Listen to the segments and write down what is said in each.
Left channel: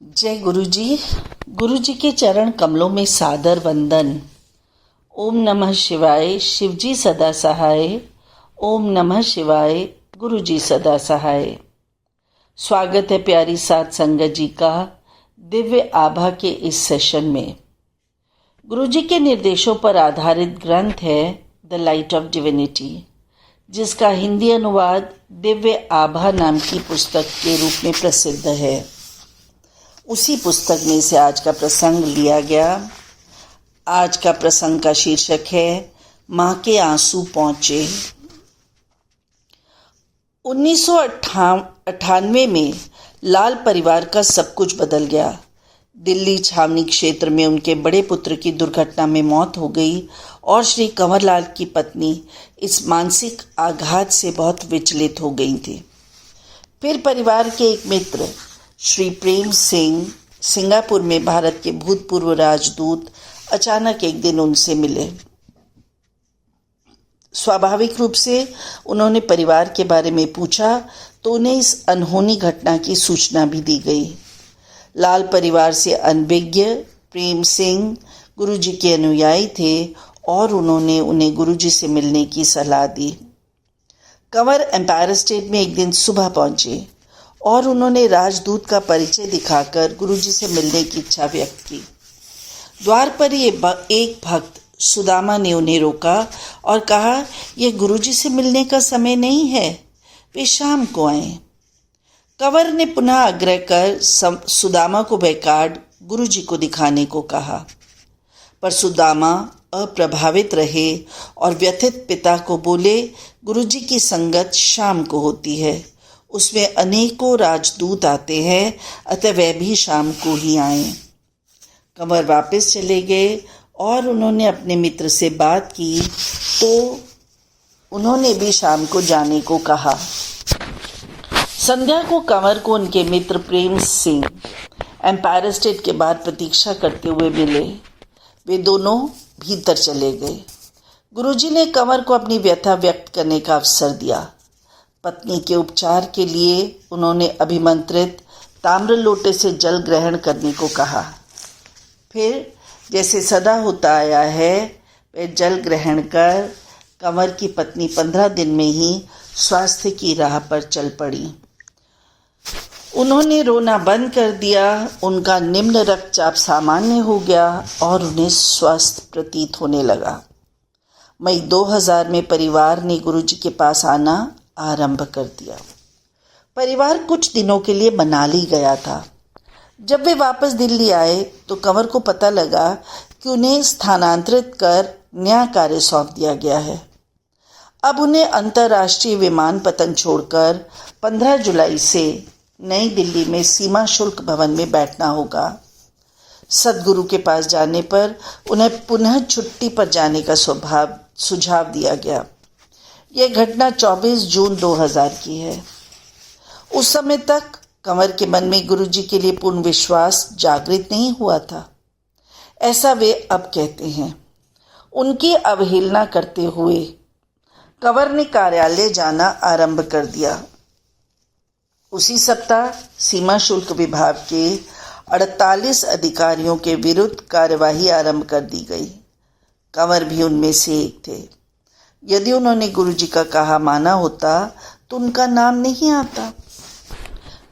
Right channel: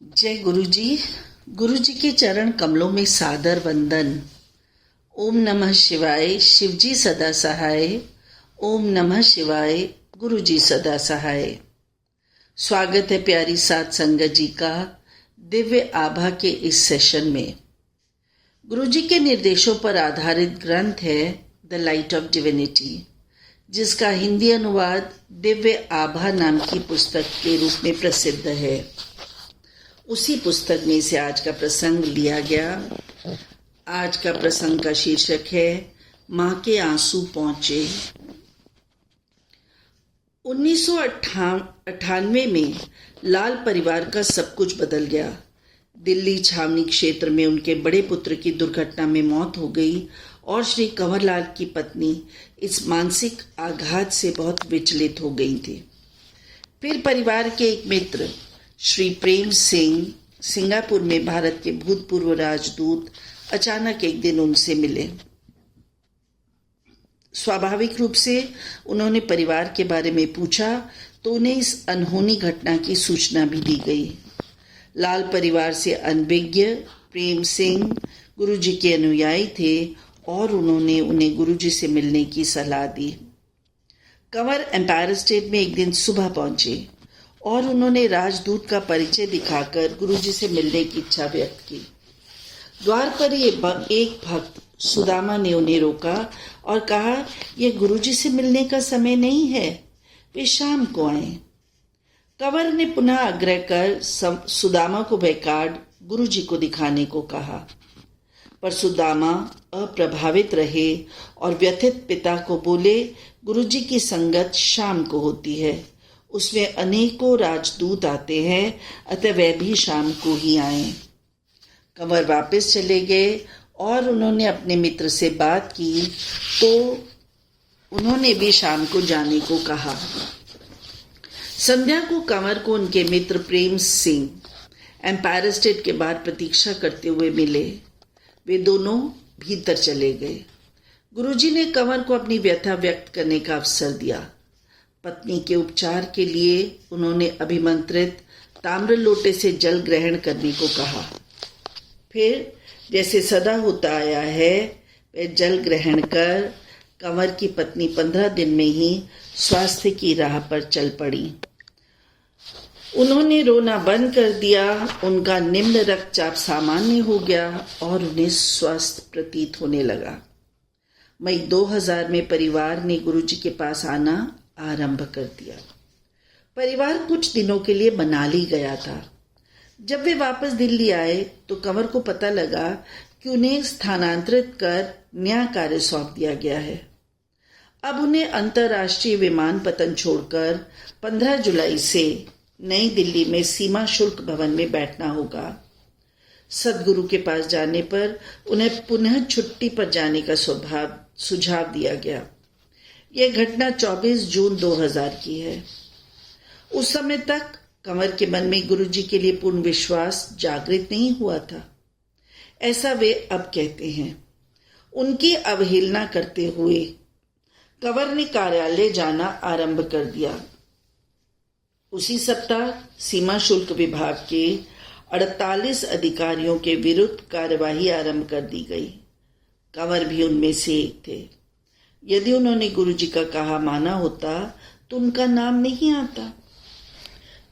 जय गुरु जी। गुरु जी के चरण कमलों में सादर वंदन। ओम नमः शिवाय, शिवजी सदा सहाय। ओम नमः शिवाय, गुरु जी सदा सहाय। स्वागत है प्यारी साध संगत जी का दिव्य आभा के इस सेशन में। गुरु जी के निर्देशों पर आधारित ग्रंथ है द लाइट ऑफ डिविनिटी, जिसका हिंदी अनुवाद दिव्य आभा नाम की पुस्तक के रूप में प्रसिद्ध है। उसी पुस्तक में से आज का प्रसंग लिया गया। आज का प्रसंग का शीर्षक है माँ के आंसू पहुँचे। 1998 में लाल परिवार का सब कुछ बदल गया। दिल्ली छावनी क्षेत्र में उनके बड़े पुत्र की दुर्घटना में मौत हो गई और श्री कंवरलाल की पत्नी इस मानसिक आघात से बहुत विचलित हो गई थी। फिर परिवार के एक मित्र श्री प्रेम सिंह सिंगापुर में भारत के भूतपूर्व राजदूत अचानक एक दिन उनसे मिले। स्वाभाविक रूप से उन्होंने परिवार के बारे में पूछा तो उन्हें इस अनहोनी घटना की सूचना भी दी गई। लाल परिवार से अनभिज्ञ प्रेम सिंह गुरुजी के अनुयायी थे और उन्होंने उन्हें गुरुजी से मिलने की सलाह दी। कंवर एम्पायर स्टेट में एक दिन सुबह पहुंचे और उन्होंने राजदूत का परिचय दिखाकर गुरुजी से मिलने की इच्छा व्यक्त की। द्वार पर एक भक्त सुदामा ने उन्हें रोका और कहा, यह गुरुजी से मिलने का समय नहीं है, वे शाम को आए। कंवर ने पुनः आग्रह कर सुदामा को वह कार्ड गुरुजी को दिखाने को कहा, पर सुदामा अप्रभावित रहे और व्यथित पिता को बोले, गुरुजी की संगत शाम को होती है, उसमें अनेकों राजदूत आते हैं, अतः वह भी शाम को ही आए। कंवर वापस चले गए और उन्होंने अपने मित्र से बात की तो उन्होंने भी शाम को जाने को कहा। संध्या को कंवर को उनके मित्र प्रेम सिंह एम्पायर स्टेट के बाहर प्रतीक्षा करते हुए मिले। वे दोनों भीतर चले गए। गुरुजी ने कंवर को अपनी व्यथा व्यक्त करने का अवसर दिया। पत्नी के उपचार के लिए उन्होंने अभिमंत्रित ताम्र लोटे से जल ग्रहण करने को कहा। फिर जैसे सदा होता आया है, वे जल ग्रहण कर कंवर की पत्नी 15 दिन में ही स्वास्थ्य की राह पर चल पड़ी। उन्होंने रोना बंद कर दिया, उनका निम्न रक्तचाप सामान्य हो गया और उन्हें स्वस्थ प्रतीत होने लगा। मई 2000 में परिवार ने गुरुजी के पास आना आरंभ कर दिया। परिवार कुछ दिनों के लिए मनाली गया था। जब वे वापस दिल्ली आए तो कंवर को पता लगा कि उन्हें स्थानांतरित कर नया कार्य सौंप दिया गया है। अब उन्हें अंतर्राष्ट्रीय विमानपत्तन छोड़कर 15 जुलाई से नई दिल्ली में सीमा शुल्क भवन में बैठना होगा। सदगुरु के पास जाने पर उन्हें पुनः छुट्टी पर जाने का सुझाव दिया गया। यह घटना 24 जून 2000 की है। उस समय तक कंवर के मन में गुरुजी के लिए पूर्ण विश्वास जागृत नहीं हुआ था, ऐसा वे अब कहते हैं। उनकी अवहेलना करते हुए कंवर ने कार्यालय जाना आरंभ कर दिया। उसी सप्ताह सीमा शुल्क विभाग के 48 अधिकारियों के विरुद्ध कार्यवाही आरंभ कर दी गई। कंवर भी उनमें से एक थे। यदि उन्होंने गुरुजी का कहा माना होता तो उनका नाम नहीं आता।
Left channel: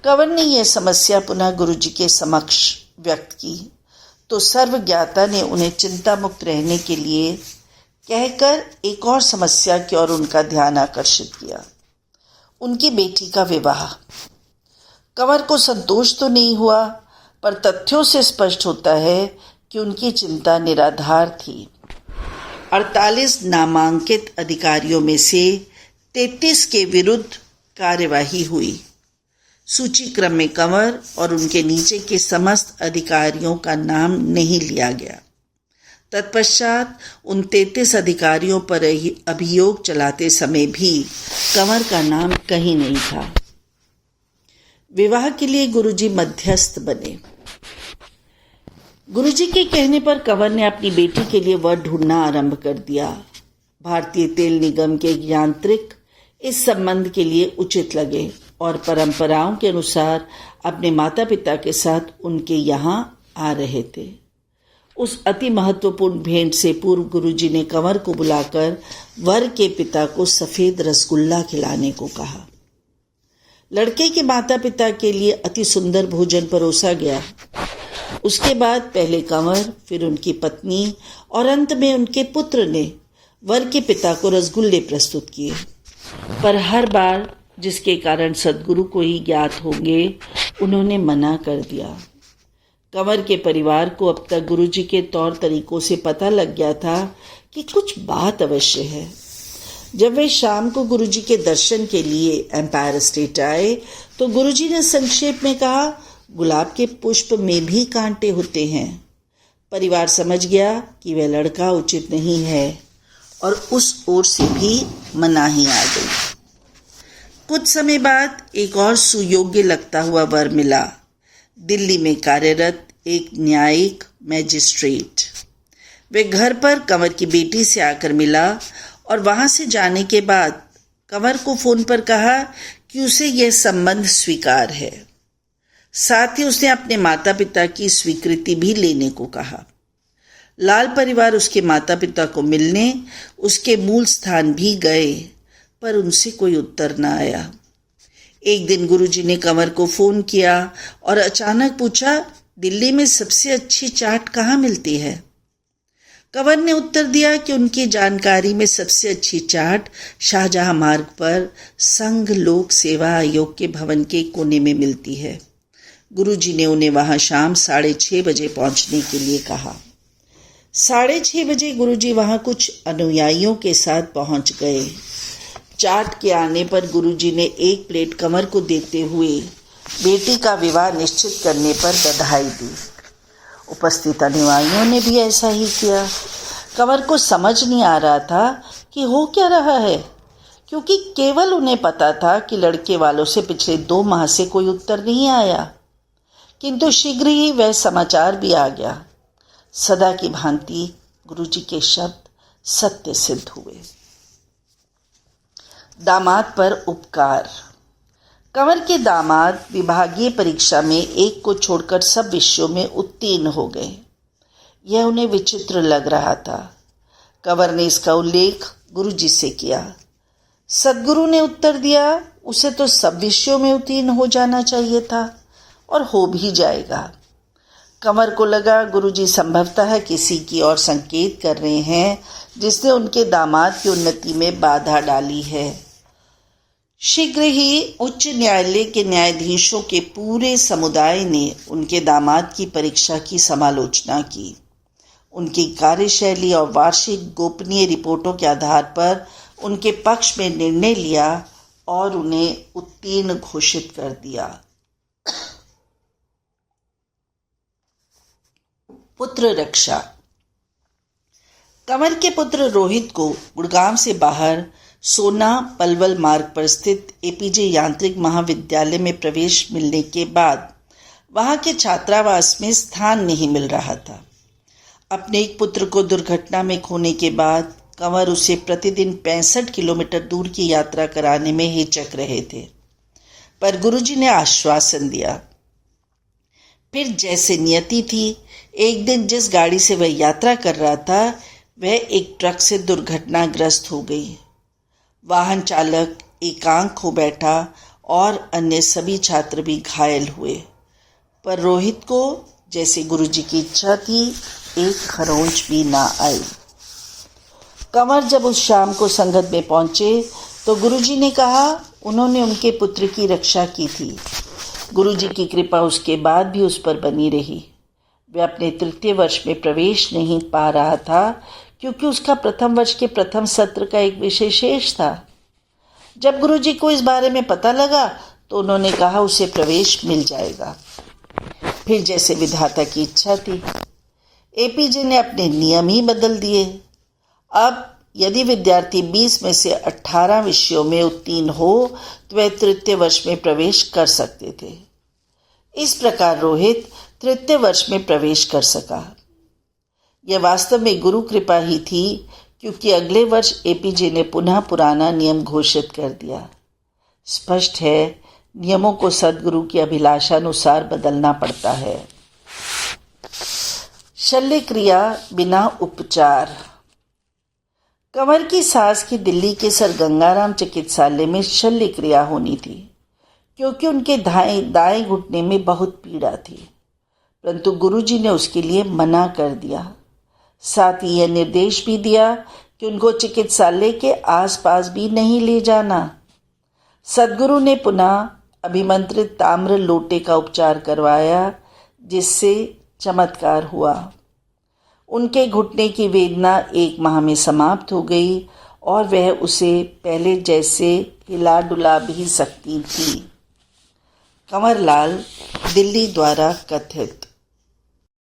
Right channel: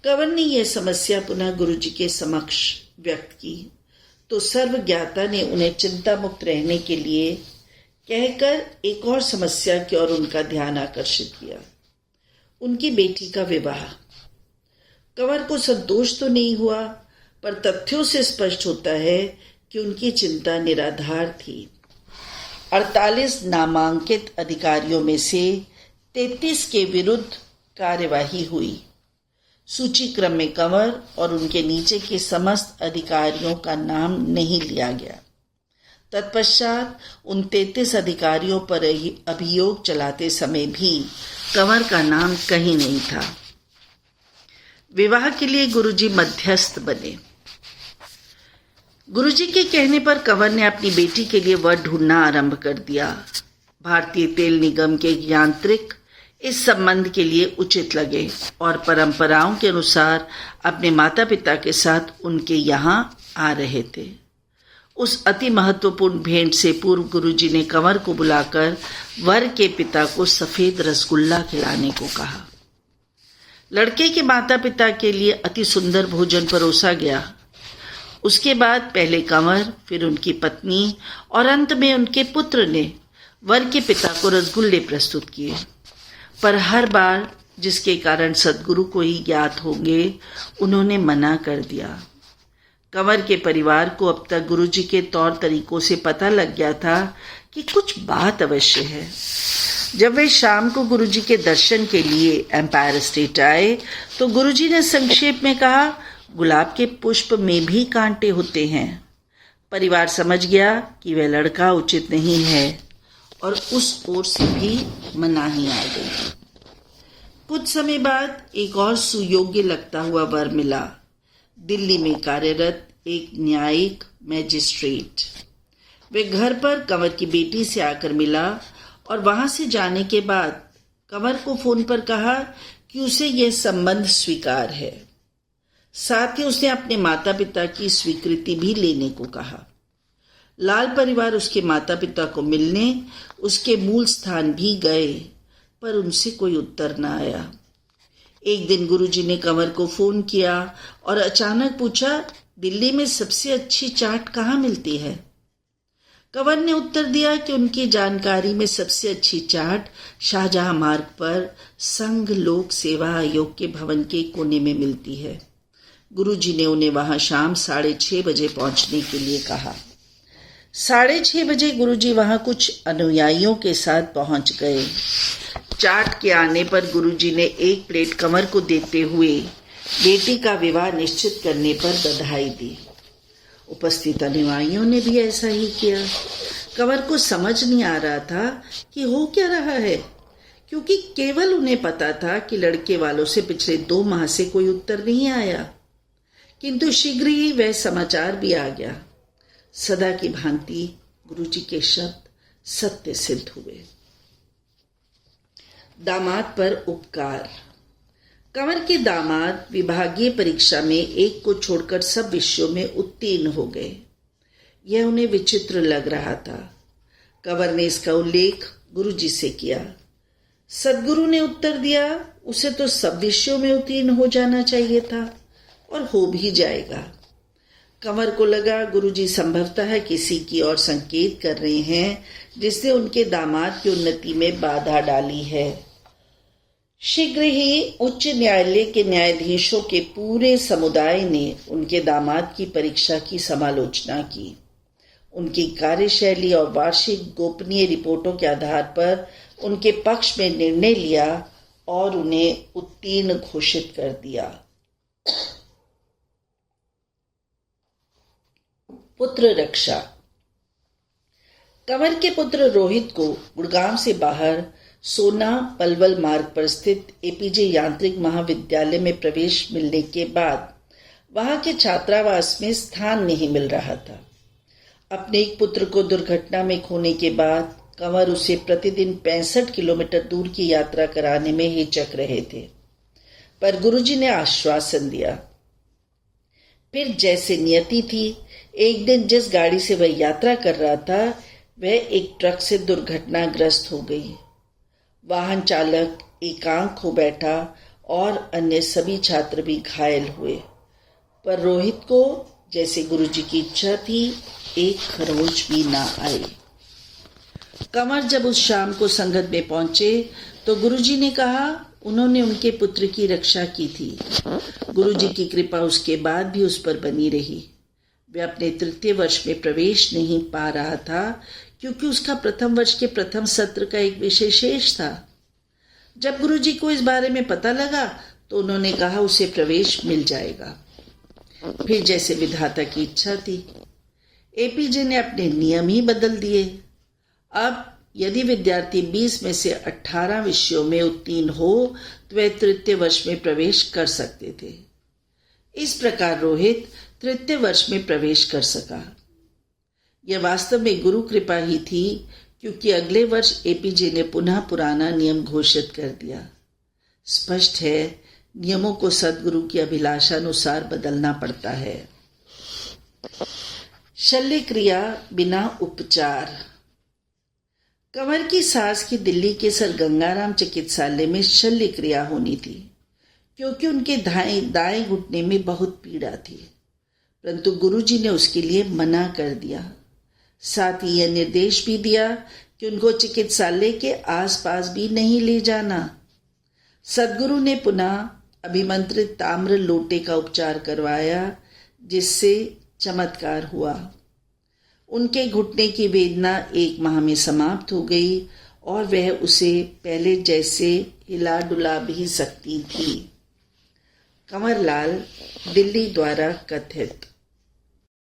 कंवर ने यह समस्या पुनः गुरुजी के समक्ष व्यक्त की तो सर्वज्ञाता ने उन्हें चिंता मुक्त रहने के लिए कहकर एक और समस्या की ओर उनका ध्यान आकर्षित किया, उनकी बेटी का विवाह। कंवर को संतोष तो नहीं हुआ, पर तथ्यों से स्पष्ट होता है कि उनकी चिंता निराधार थी। 48 नामांकित अधिकारियों में से 33 के विरुद्ध कार्यवाही हुई। सूची क्रम में कंवर और उनके नीचे के समस्त अधिकारियों का नाम नहीं लिया गया। तत्पश्चात उन 33 अधिकारियों पर अभियोग चलाते समय भी कंवर का नाम कहीं नहीं था। विवाह के लिए गुरुजी मध्यस्थ बने। गुरुजी के कहने पर कंवर ने अपनी बेटी के लिए वर ढूंढना आरंभ कर दिया। भारतीय तेल निगम के यांत्रिक इस संबंध के लिए उचित लगे और परंपराओं के अनुसार अपने माता पिता के साथ उनके यहाँ आ रहे थे। उस अति महत्वपूर्ण भेंट से पूर्व गुरुजी ने कंवर को बुलाकर वर के पिता को सफ़ेद रसगुल्ला खिलाने को कहा। लड़के के माता पिता के लिए अति सुंदर भोजन परोसा गया। उसके बाद पहले कंवर, फिर उनकी पत्नी और अंत में उनके पुत्र ने वर के पिता को रसगुल्ले प्रस्तुत किए, पर हर बार जिसके कारण सद्गुरु को ही ज्ञात होंगे, उन्होंने मना कर दिया। कंवर के परिवार को अब तक गुरुजी के तौर तरीकों से पता लग गया था कि कुछ बात अवश्य है। जब वे शाम को गुरुजी के दर्शन के लिए एम्पायर स्टेट आए तो गुरुजी ने संक्षेप में कहा, गुलाब के पुष्प में भी कांटे होते हैं। परिवार समझ गया कि वह लड़का उचित नहीं है और उस ओर से भी मनाही आ गई। कुछ समय बाद एक और सुयोग्य लगता हुआ वर मिला, दिल्ली में कार्यरत एक न्यायिक मैजिस्ट्रेट। वे घर पर कंवर की बेटी से आकर मिला और वहां से जाने के बाद कंवर को फोन पर कहा कि उसे यह संबंध स्वीकार है। साथ ही उसने अपने माता पिता की स्वीकृति भी लेने को कहा। लाल परिवार उसके माता पिता को मिलने उसके मूल स्थान भी गए, पर उनसे कोई उत्तर न आया। एक दिन गुरुजी ने कंवर को फोन किया और अचानक पूछा, दिल्ली में सबसे अच्छी चाट कहाँ मिलती है? कंवर ने उत्तर दिया कि उनकी जानकारी में सबसे अच्छी चाट शाहजहां मार्ग पर संघ लोक सेवा आयोग के भवन के कोने में मिलती है। गुरुजी ने उन्हें वहां शाम 6:30 बजे पहुंचने के लिए कहा। 6:30 बजे गुरुजी वहां कुछ अनुयायियों के साथ पहुंच गए। चाट के आने पर गुरुजी ने एक प्लेट कंवर को देते हुए बेटी का विवाह निश्चित करने पर बधाई दी। उपस्थित अनुयायियों ने भी ऐसा ही किया। कंवर को समझ नहीं आ रहा था कि हो क्या रहा है, क्योंकि केवल उन्हें पता था कि लड़के वालों से पिछले 2 माह से कोई उत्तर नहीं आया, किंतु शीघ्र ही वह समाचार भी आ गया। सदा की भांति गुरुजी के शब्द सत्य सिद्ध हुए। दामाद पर उपकार। कंवर के दामाद विभागीय परीक्षा में एक को छोड़कर सब विषयों में उत्तीर्ण हो गए। यह उन्हें विचित्र लग रहा था। कंवर ने इसका उल्लेख गुरुजी से किया। सद्गुरु ने उत्तर दिया, उसे तो सब विषयों में उत्तीर्ण हो जाना चाहिए था और हो भी जाएगा। कंवर को लगा गुरुजी संभवतः किसी की ओर संकेत कर रहे हैं जिसने उनके दामाद की उन्नति में बाधा डाली है। शीघ्र ही उच्च न्यायालय के न्यायाधीशों के पूरे समुदाय ने उनके दामाद की परीक्षा की समालोचना की। उनकी कार्यशैली और वार्षिक गोपनीय रिपोर्टों के आधार पर उनके पक्ष में निर्णय लिया और उन्हें उत्तीर्ण घोषित कर दिया। पुत्र रक्षा। कंवर के पुत्र रोहित को गुड़गांव से बाहर सोना पलवल मार्ग पर स्थित एपीजे यांत्रिक महाविद्यालय में प्रवेश मिलने के बाद वहां के छात्रावास में स्थान नहीं मिल रहा था। अपने एक पुत्र को दुर्घटना में खोने के बाद कंवर उसे प्रतिदिन 65 किलोमीटर दूर की यात्रा कराने में हिचक रहे थे, पर गुरुजी ने आश्वासन दिया। फिर जैसे नियति थी, एक दिन जिस गाड़ी से वह यात्रा कर रहा था वह एक ट्रक से दुर्घटनाग्रस्त हो गई। वाहन चालक एकांक हो बैठा और अन्य सभी छात्र भी घायल हुए, पर रोहित को, जैसे गुरुजी की इच्छा थी, एक खरोंच भी ना आई। कंवर जब उस शाम को संगत में पहुंचे तो गुरुजी ने कहा उन्होंने उनके पुत्र की रक्षा की थी। गुरुजी की कृपा उसके बाद भी उस पर बनी रही। वह अपने 3य वर्ष में प्रवेश नहीं पा रहा था क्योंकि उसका प्रथम वर्ष के प्रथम सत्र का एक विषय शेष था। जब गुरुजी को इस बारे में पता लगा तो उन्होंने कहा उसे प्रवेश मिल जाएगा। फिर जैसे विधाता की इच्छा थी, एपीजे ने अपने नियम ही बदल दिए। अब यदि विद्यार्थी 20 में से 18 विषयों में उत्तीर्ण हो तो वह 3य वर्ष में प्रवेश कर सकते थे। इस प्रकार रोहित 3य वर्ष में प्रवेश कर सका। यह वास्तव में गुरु कृपा ही थी, क्योंकि अगले वर्ष एपीजे ने पुनः पुराना नियम घोषित कर दिया। स्पष्ट है, नियमों को सद्गुरु की अभिलाषानुसार बदलना पड़ता है। शल्य क्रिया बिना उपचार। कंवर की सास की दिल्ली के सर गंगाराम चिकित्सालय में शल्य क्रिया होनी थी, क्योंकि उनके दाएं घुटने में बहुत पीड़ा थी, परंतु गुरुजी ने उसके लिए मना कर दिया। साथ ही यह निर्देश भी दिया कि उनको चिकित्सालय के आसपास भी नहीं ले जाना। सद्गुरु ने पुनः अभिमंत्रित ताम्र लोटे का उपचार करवाया, जिससे चमत्कार हुआ। उनके घुटने की वेदना 1 माह में समाप्त हो गई और वह उसे पहले जैसे हिला डुला भी सकती थी। कंवरलाल, दिल्ली द्वारा कथित।